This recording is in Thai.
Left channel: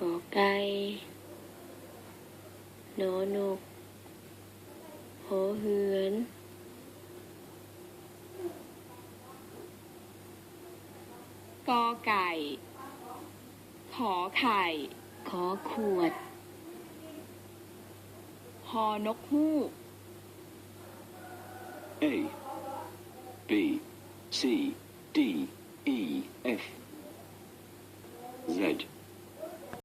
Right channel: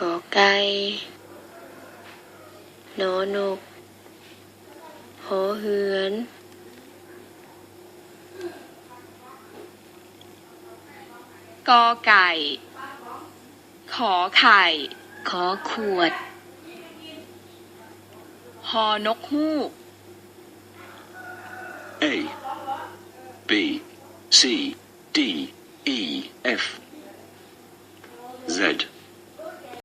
กอไก่นอนกหอเหือนกอไก่ขอไข่ขอขวดฮอนกฮูก A B C D E F Z